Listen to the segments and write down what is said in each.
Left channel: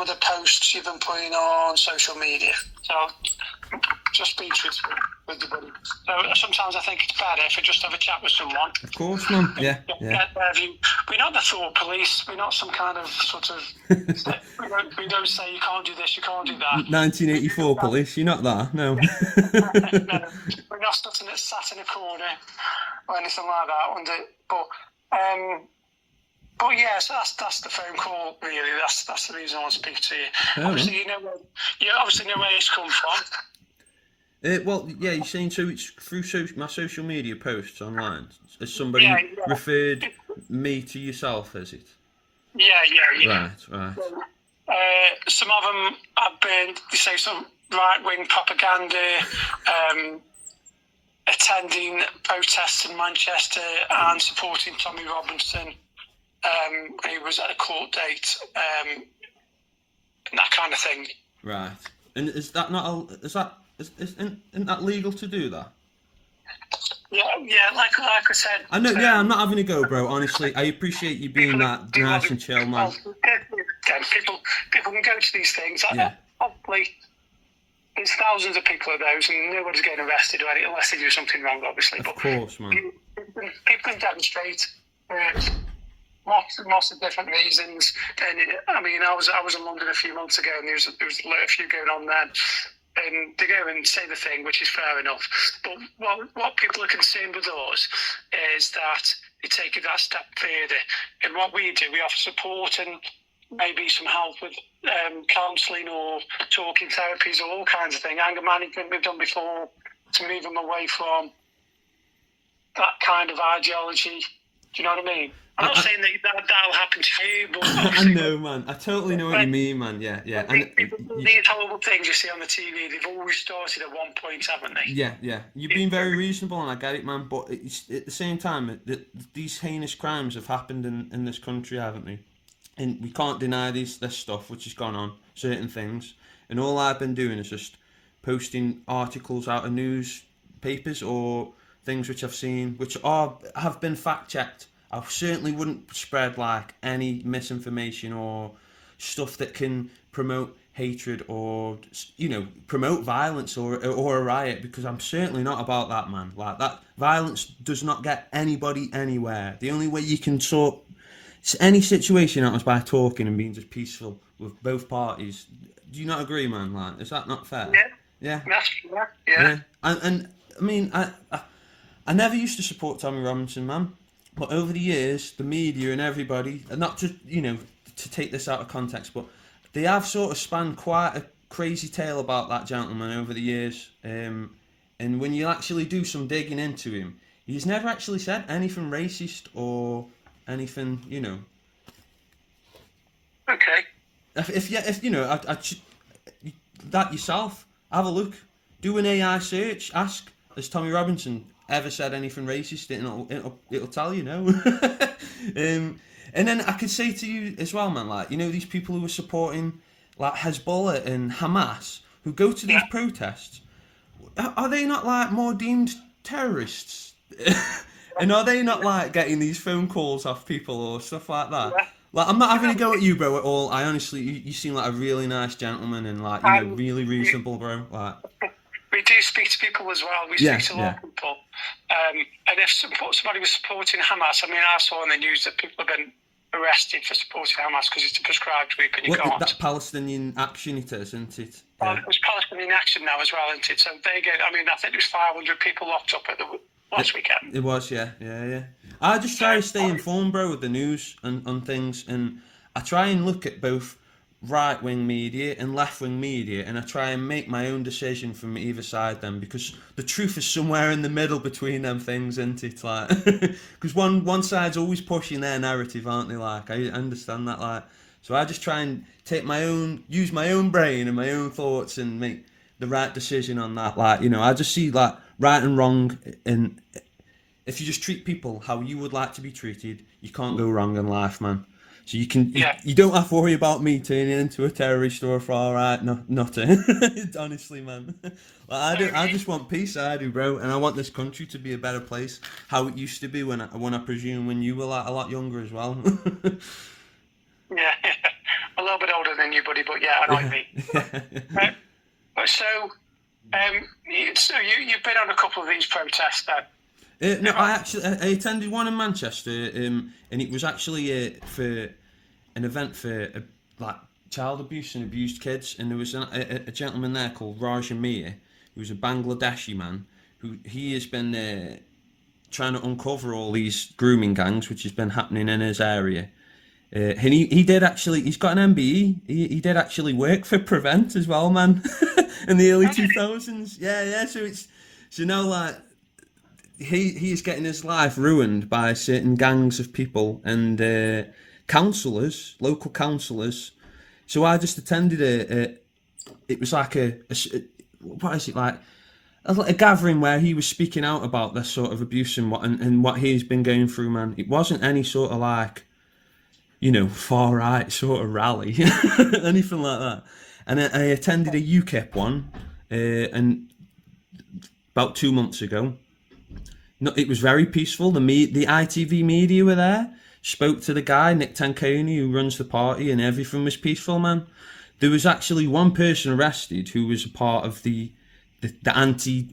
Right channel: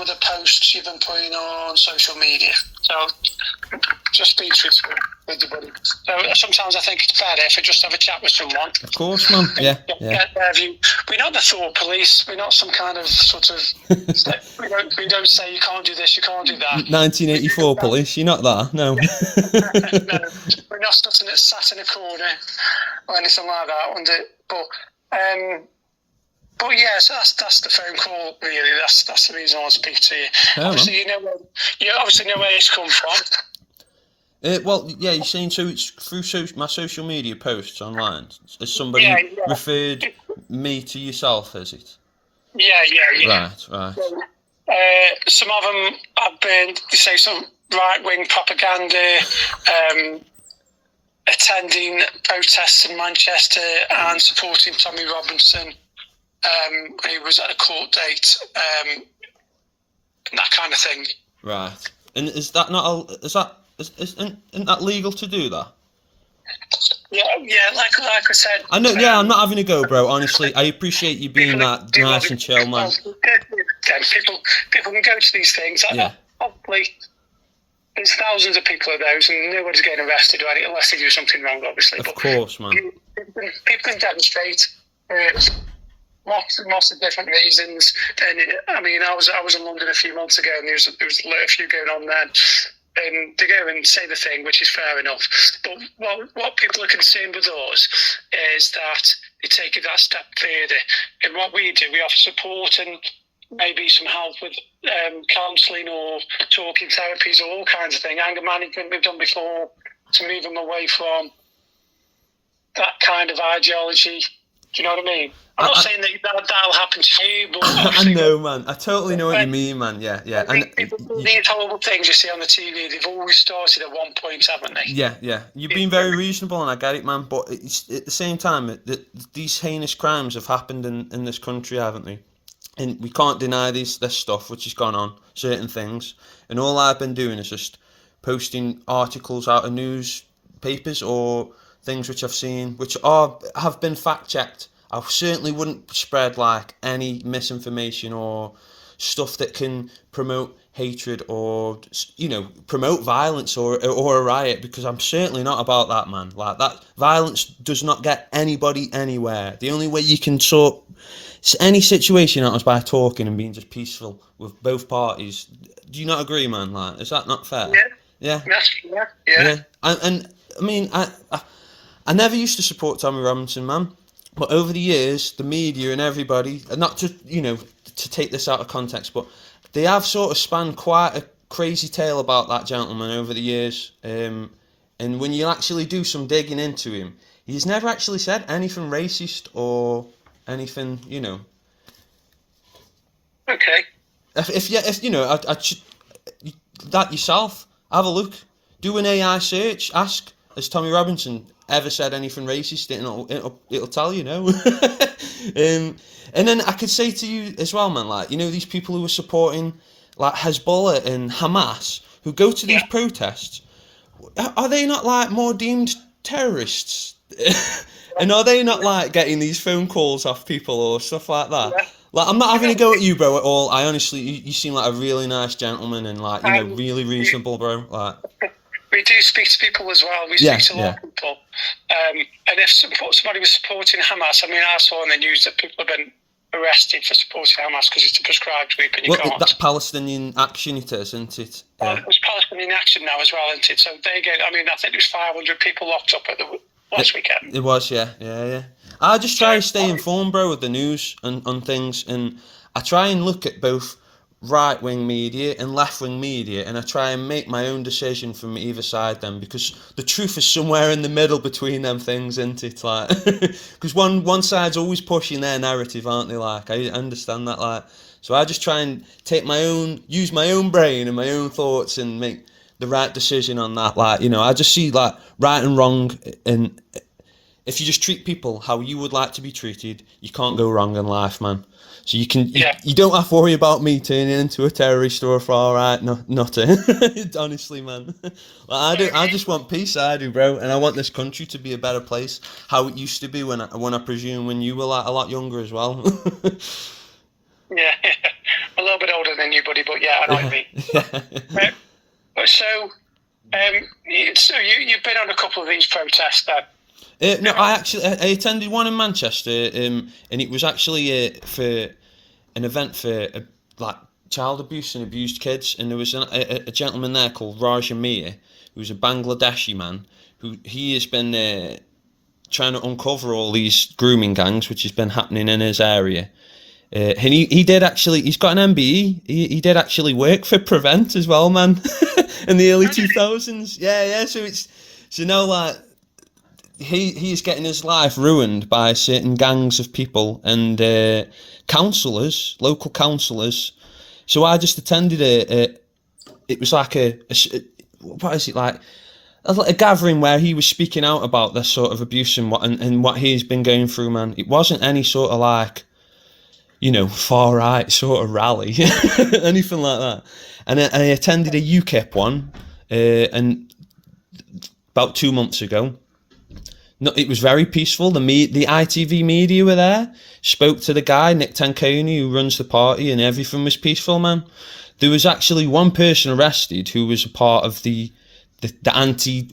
some of the posts you've been putting on social media. So just be truthful with your buddy. So sometimes I think it's better if I just have a chat with someone. Of course, man. Yeah. Get their view. We're not the thought police. We're not some kind of sort of. we don't say you can't do this, you can't do that. 1984 police. You're not that. No. No, we're not sat in a corner or anything like that. But yeah, so that's the phone call. Really, that's the reason I want to speak to you. Oh, obviously, you obviously know where it's come from. Well, yeah, you're saying so it's through my social media posts online. Has somebody referred me to yourself, has it? Yeah. Right. So, some of them have been, they say, some right-wing propaganda, attending protests in Manchester and supporting Tommy Robinson. He was at a court date, and that kind of thing. Right. And is that not isn't that legal to do that? Yeah. Like I said. I know. Yeah, I'm not having a go, bro. Honestly, I appreciate you being that nice and chill, man. People can go to these things. Yeah. Obviously, there's thousands of people of those, and nobody's getting arrested or anything unless they do something wrong, obviously. Of course, man. People can demonstrate. Lots of different reasons, and I mean, I was in London a few months ago, and there was a few going on then, and they go and say the thing, which is fair enough. But what people are concerned with us is that they take it that step further, and what we do, we offer support and maybe some help with counselling or talking therapies or all kinds of things, anger management we've done before, to move them away from that kind of ideology. Do you know what I mean? I'm not saying that'll happen to you, but I know, man. I totally know what you mean, man. Yeah. And these horrible things you see on the TV, they've always started at one point, haven't they? Yeah. You've been very reasonable, and I get it, man. But it's, at the same time, these heinous crimes have happened in this country, haven't they? And we can't deny this stuff which has gone on, certain things. And all I've been doing is just posting articles out of newspapers or things which I've seen, which have been fact-checked. I certainly wouldn't spread like any misinformation or stuff that can promote hatred or, promote violence or a riot, because I'm certainly not about that, man. Like, that violence does not get anybody anywhere. The only way you can sort any situation out is by talking and being just peaceful with both parties. Do you not agree, man? Like, is that not fair? Yeah. And I mean, I never used to support Tommy Robinson, man. But over the years, the media and everybody, not to take this out of context, but they have sort of spanned quite a crazy tale about that gentleman over the years. And when you actually do some digging into him, he's never actually said anything racist or anything, Okay. If that yourself, have a look, do an AI search, ask, has Tommy Robinson ever said anything racist, and it'll tell you, no. And then I could say to you as well, man, like, these people who are supporting like Hezbollah and Hamas, who go to these protests, are they not like more deemed terrorists? And are they not like getting these phone calls off people or stuff like that? Yeah. Like, I'm not having a go at you, bro, at all. I honestly, you seem like a really nice gentleman and like, really reasonable, bro. Like, we do speak to people as well. We speak to a lot of people. And if somebody was supporting Hamas, I mean, I saw in the news that people have been arrested for supporting Hamas because it's a prescribed group and you can't. That Palestinian Action it is, isn't it? Well, it was Palestinian Action now as well, isn't it? So they get, I think there's 500 people locked up at the last weekend. It was, yeah. I just try to stay informed, bro, with the news and on things, and I try and look at both right-wing media and left-wing media, and I try and make my own decision from either side then, because the truth is somewhere in the middle between them things, isn't it? Like, because one side's always pushing their narrative, aren't they? Like, I understand that, like, so I just try and use my own brain and my own thoughts and make the right decision on that. Like, I just see like right and wrong, and if you just treat people how you would like to be treated, you can't go wrong in life, man. So you don't have to worry about me turning into a terrorist or a far right nutter. Honestly, man. Like, I just want peace. I do, bro, and I want this country to be a better place, how it used to be when I presume when you were like a lot younger as well. Yeah, a little bit older than you, buddy, but yeah, I know what you mean. So you've been on a couple of these protests then? No, I attended one in Manchester, and it was actually for an event for like child abuse and abused kids, and there was a gentleman there called Raja Mir, who's a Bangladeshi man, who he has been trying to uncover all these grooming gangs which has been happening in his area. And he did actually, he's got an MBE, he did actually work for Prevent as well, man, in the early 2000s. Yeah, so it's, so like, he is getting his life ruined by certain gangs of people and councillors, local councillors. So I just attended it was like what is it, like a gathering where he was speaking out about this sort of abuse and what he's been going through, man. It wasn't any sort of like, far right sort of rally, anything like that. And I attended a UKIP one, and about 2 months ago. No, it was very peaceful. The ITV media were there, spoke to the guy, Nick Tanconi, who runs the party, and everything was peaceful, man. There was actually one person arrested who was a part of the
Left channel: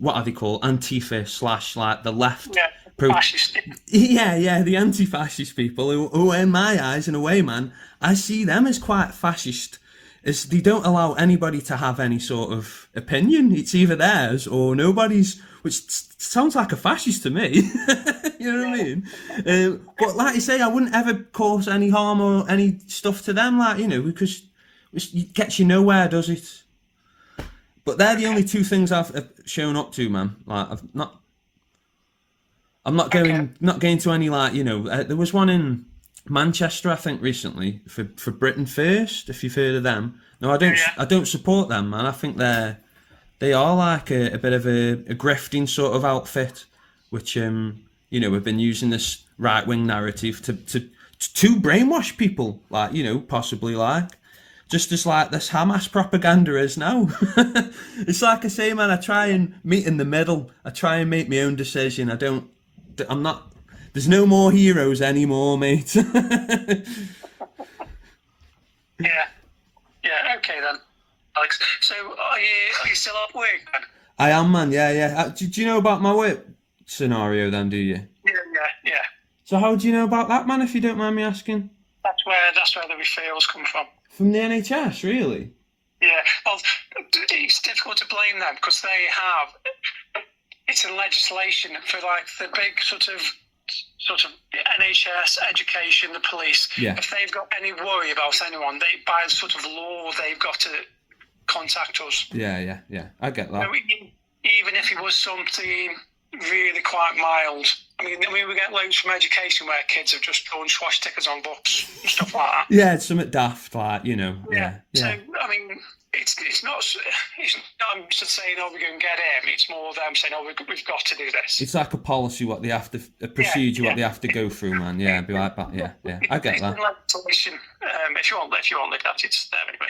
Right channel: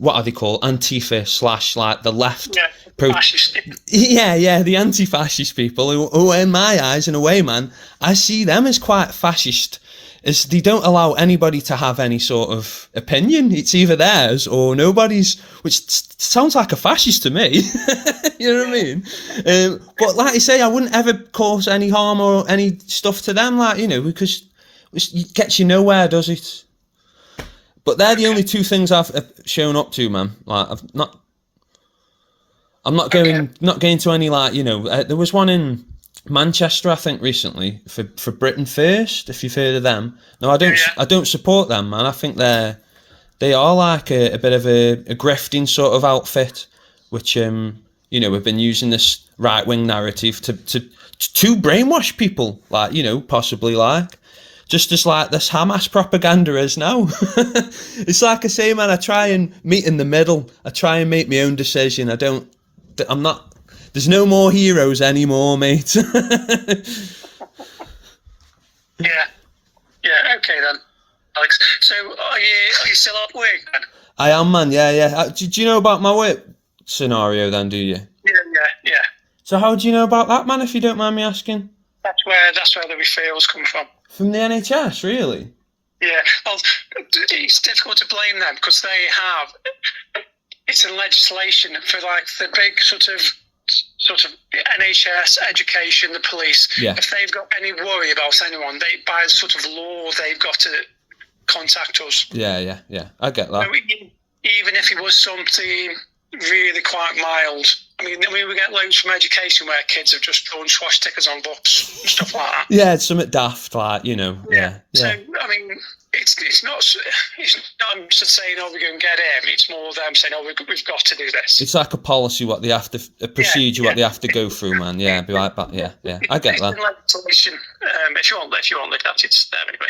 what are they called? Antifa / like the left. Yeah, fascist. Yeah, the anti-fascist people who in my eyes, in a way, man, I see them as quite fascist, as they don't allow anybody to have any sort of opinion. It's either theirs or nobody's, which sounds like a fascist to me. You know what I mean? But like I say, I wouldn't ever cause any harm or any stuff to them, like, because it gets you nowhere, does it? But they're the only two things I've shown up to, man. Like I'm not going to any, like, there was one in Manchester, I think, recently for Britain First, if you've heard of them. No, I don't support them, man. I think they are like a bit of a grifting sort of outfit, which have been using this right wing narrative to brainwash people, like, possibly like. Just as like this Hamas propaganda is now. It's like I say, man, I try and meet in the middle. I try and make my own decision. There's no more heroes anymore, mate. Yeah, okay then, Alex. So are you still at work then? I am, man, yeah. Do you know about my work scenario then, do you? Yeah. So how do you know about that, man, if you don't mind me asking? That's where the referrals come from. From the NHS, really? Yeah, well, it's difficult to blame them because it's in legislation for like the big sort of NHS, education, the police. Yeah. If they've got any worry about anyone, by sort of law, they've got to contact us. Yeah. I get that. So even if it was something really quite mild. I mean, we get loads from education where kids have just drawn swastikas on books and stuff like that. Yeah, it's something daft, like, Yeah. So, I mean, it's not just saying, oh, we're going to get him. It's more them saying, oh, we've got to do this. It's like a policy, what they have to, a procedure, what they have to go through, man. Yeah, be like that. Yeah. I get that. Legislation. If you want look at it, it's there anyway.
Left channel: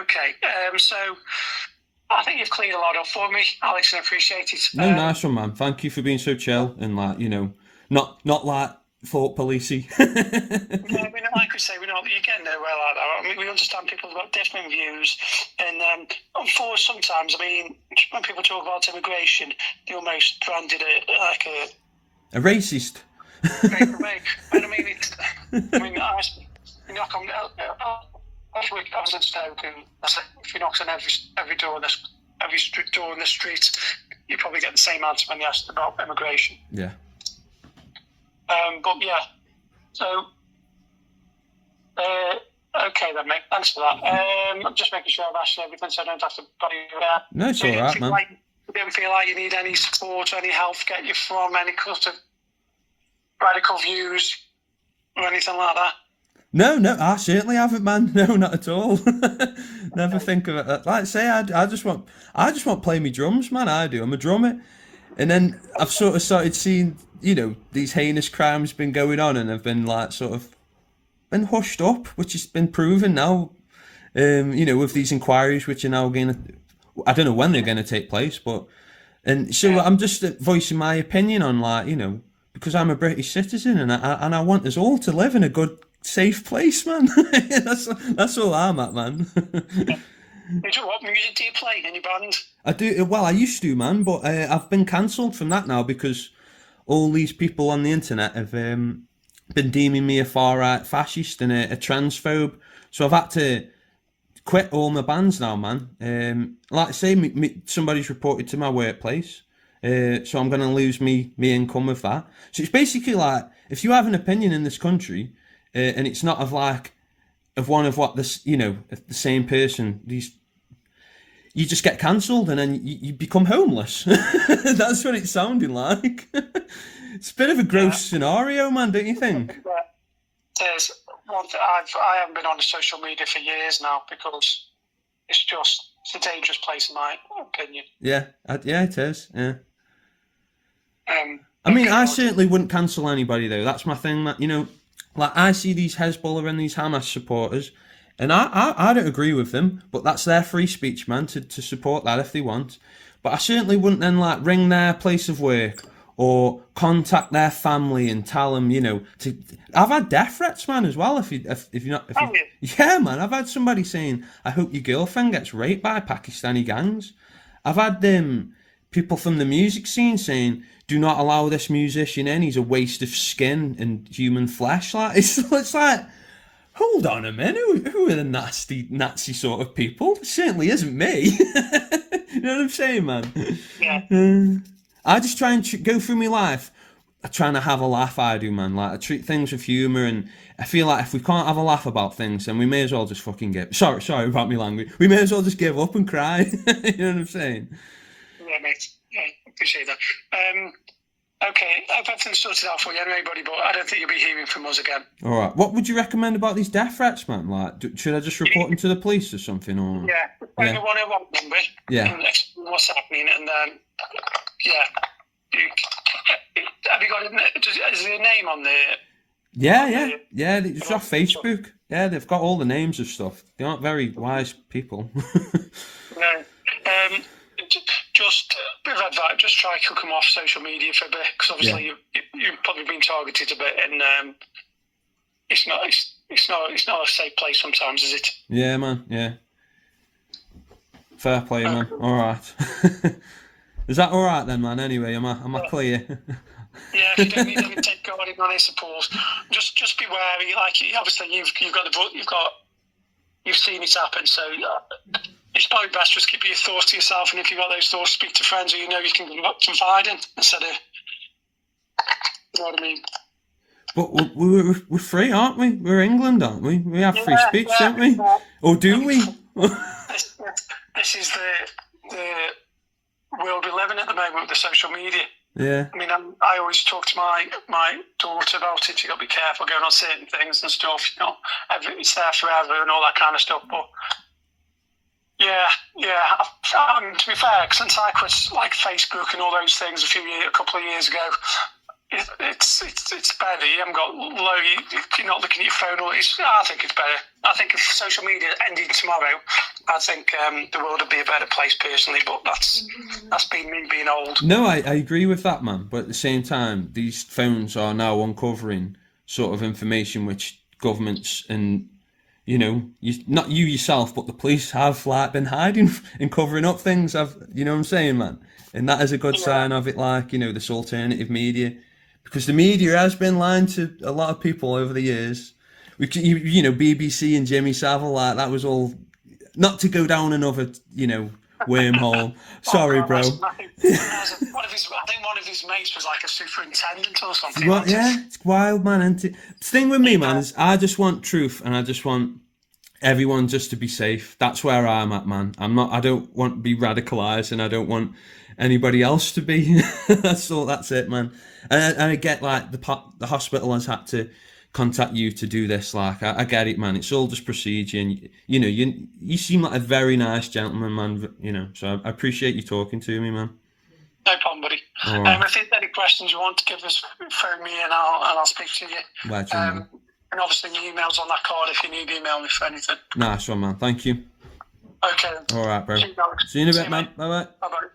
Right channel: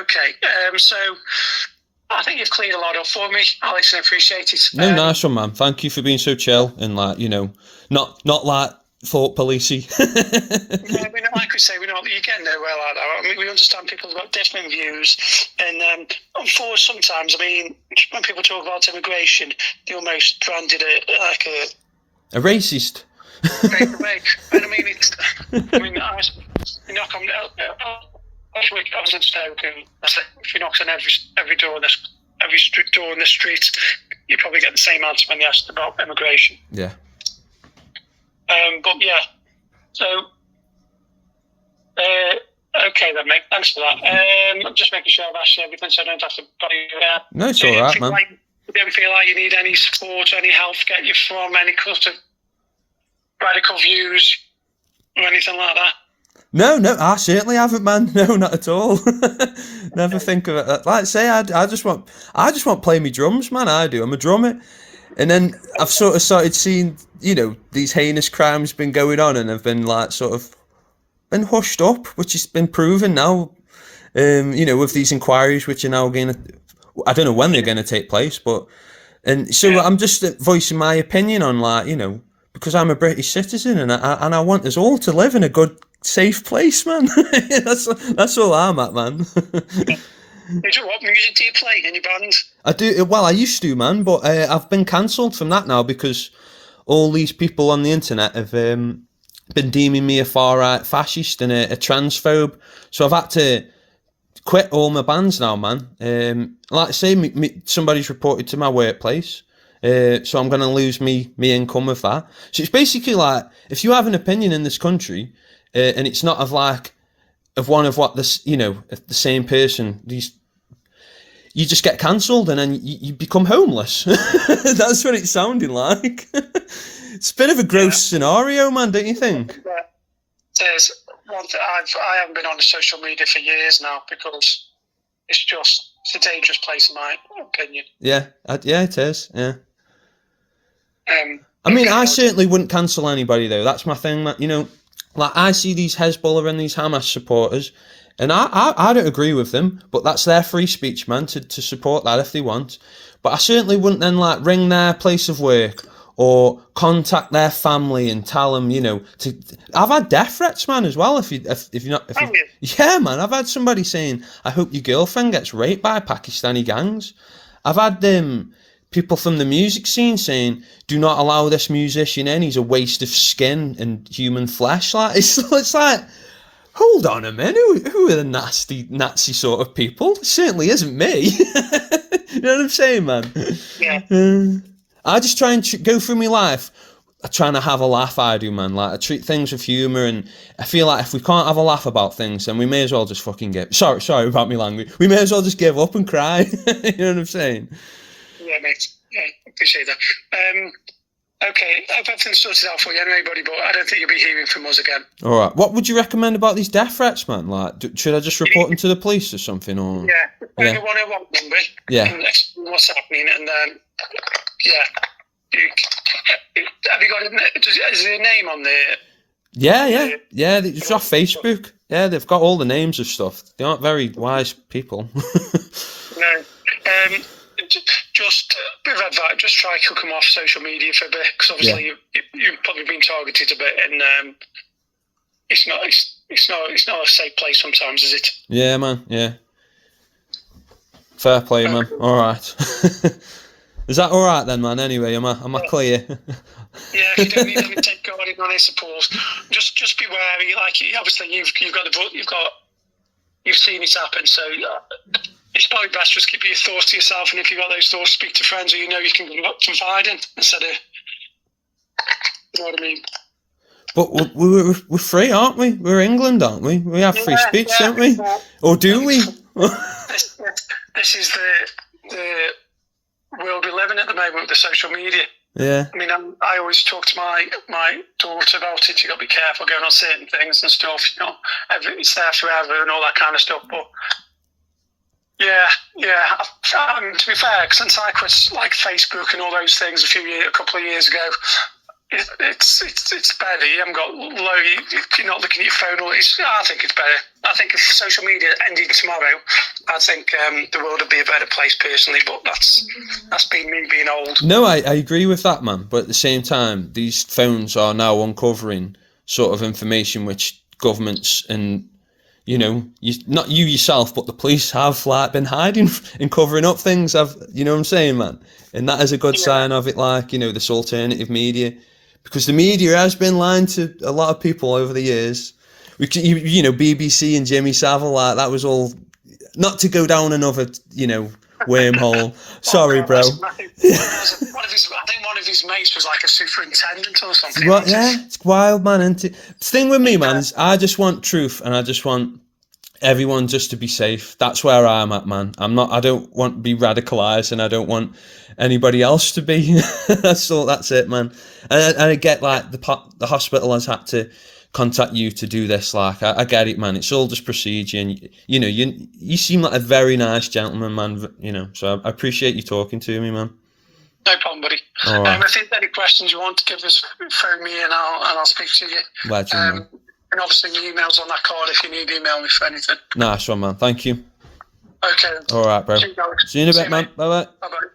Okay. So I think you've cleared a lot up for me, Alex, and I appreciate it. No, nice one, man. Thank you for being so chill and, like, not like thought policey. No, like we say, you get nowhere like that. I mean, we understand people have got different views, and unfortunately, sometimes, I mean, when people talk about immigration, they almost branded it like a racist. And I mean, I knock on. Last week I was in Stoke, and I said, if you knock on every door in the street, you probably get the same answer when they asked about immigration. Yeah. But yeah, so okay then, mate. Thanks for that. I'm just making sure I've asked you everything, so I don't have to bother you there. No, it's all right, man. You don't feel like you need any support or any help to get you from any sort of radical views or anything like that? No, I certainly haven't, man. No, not at all. Never think of it. Like I say, I just want to play me drums, man. I do. I'm a drummer. And then I've sort of started seeing, these heinous crimes been going on, and have been like sort of been hushed up, which has been proven now. With these inquiries, which are now going to, I don't know when they're going to take place, and so I'm just voicing my opinion on, like, because I'm a British citizen, and I want us all to live in a good, safe place, man. That's all I'm at, man. What music do you play in your band? I do. Well, I used to, man, but I've been cancelled from that now because all these people on the internet have been deeming me a far right fascist and a transphobe. So I've had to quit all my bands now, man. Like I say, somebody's reported to my workplace, so I'm going to lose me income of that. So it's basically like, if you have an opinion in this country, and it's not of one of what this, the same person, you just get cancelled and then you become homeless. That's what it's sounding like. It's a bit of a gross scenario, man, don't you think? Yeah. There's one thing, I haven't been on social media for years now because it's a dangerous place in my opinion. Yeah, it is, yeah. I mean, I certainly wouldn't cancel anybody, though. That's my thing, man. Like, I see these Hezbollah and these Hamas supporters, and I don't agree with them, but that's their free speech, man, to support that if they want. But I certainly wouldn't then, like, ring their place of work or contact their family and tell them, I've had death threats, man, as well. Yeah, man, I've had somebody saying, I hope your girlfriend gets raped by Pakistani gangs. I've had people from the music scene saying, do not allow this musician in, he's a waste of skin and human flesh. Like, it's like, hold on a minute, who are the nasty Nazi sort of people? It certainly isn't me. You know what I'm saying, man? Yeah. I just try and go through my life trying to have a laugh, I do, man. Like, I treat things with humour, and I feel like if we can't have a laugh about things, then we may as well just fucking sorry about my language, we may as well just give up and cry. You know what I'm saying? Yeah, mate. Yeah, appreciate that. Okay, I've had things sorted out for you anyway, buddy, but I don't think you'll be hearing from us again. All right. What would you recommend about these death threats, man? Like, should I just report them to the police or something? Or yeah, phone the 101 number. Yeah. And explain what's happening, and then have you got is there a name on there? Yeah. It's off Facebook. Yeah, they've got all the names of stuff. They aren't very wise people. No. Just a bit of advice, just try to come off social media for a bit, because obviously you've probably been targeted a bit, and it's not a safe place sometimes, is it? Yeah, man. Yeah. Fair play, man. All right. Is that all right then, man? Anyway, am I clear? Yeah, if you don't need any take guarding on, I suppose. Just be wary. Like, obviously, you've seen it happen, so. It's probably best just keep your thoughts to yourself, and if you've got those thoughts, speak to friends who you can confide in instead of, you know what I mean. But we're free, aren't we? We're England, aren't we? We have free speech, don't we? Or do we? This is the world we live in at the moment with the social media. Yeah. I mean, I always talk to my daughter about it. You got to be careful going on certain things and stuff. It's there forever and all that kind of stuff, but. Yeah. To be fair, since I quit like Facebook and all those things a couple of years ago, it's better. You haven't got you're not looking at your phone. I think it's better. I think if social media ended tomorrow, I think the world would be a better place personally. But that's been me being old. No, I agree with that, man. But at the same time, these phones are now uncovering sort of information which governments and not you yourself, but the police have been hiding and covering up things. You know what I'm saying, man? And that is a good sign of it, this alternative media, because the media has been lying to a lot of people over the years. BBC and Jimmy Savile, that was all not to go down another, wormhole. Sorry, bro. I think one of his mates was like a superintendent or something. Well, yeah, it's wild, man. And the thing with me, man, is I just want truth, and I just want everyone just to be safe. That's where I'm at, man. I don't want to be radicalized, and I don't want anybody else to be. That's it, man. And I get the hospital has had to contact you to do this. I get it, man. It's all just procedure, and you seem like a very nice gentleman, man. So I appreciate you talking to me, man. No problem, buddy. Right. If there's any questions you want to give us, phone me and I'll speak to you. Legend, and obviously my email's on that card if you need to email me for anything. Nice one, man. Thank you. Okay. All right, bro. See you in a bit, man. Bye-bye. Bye-bye.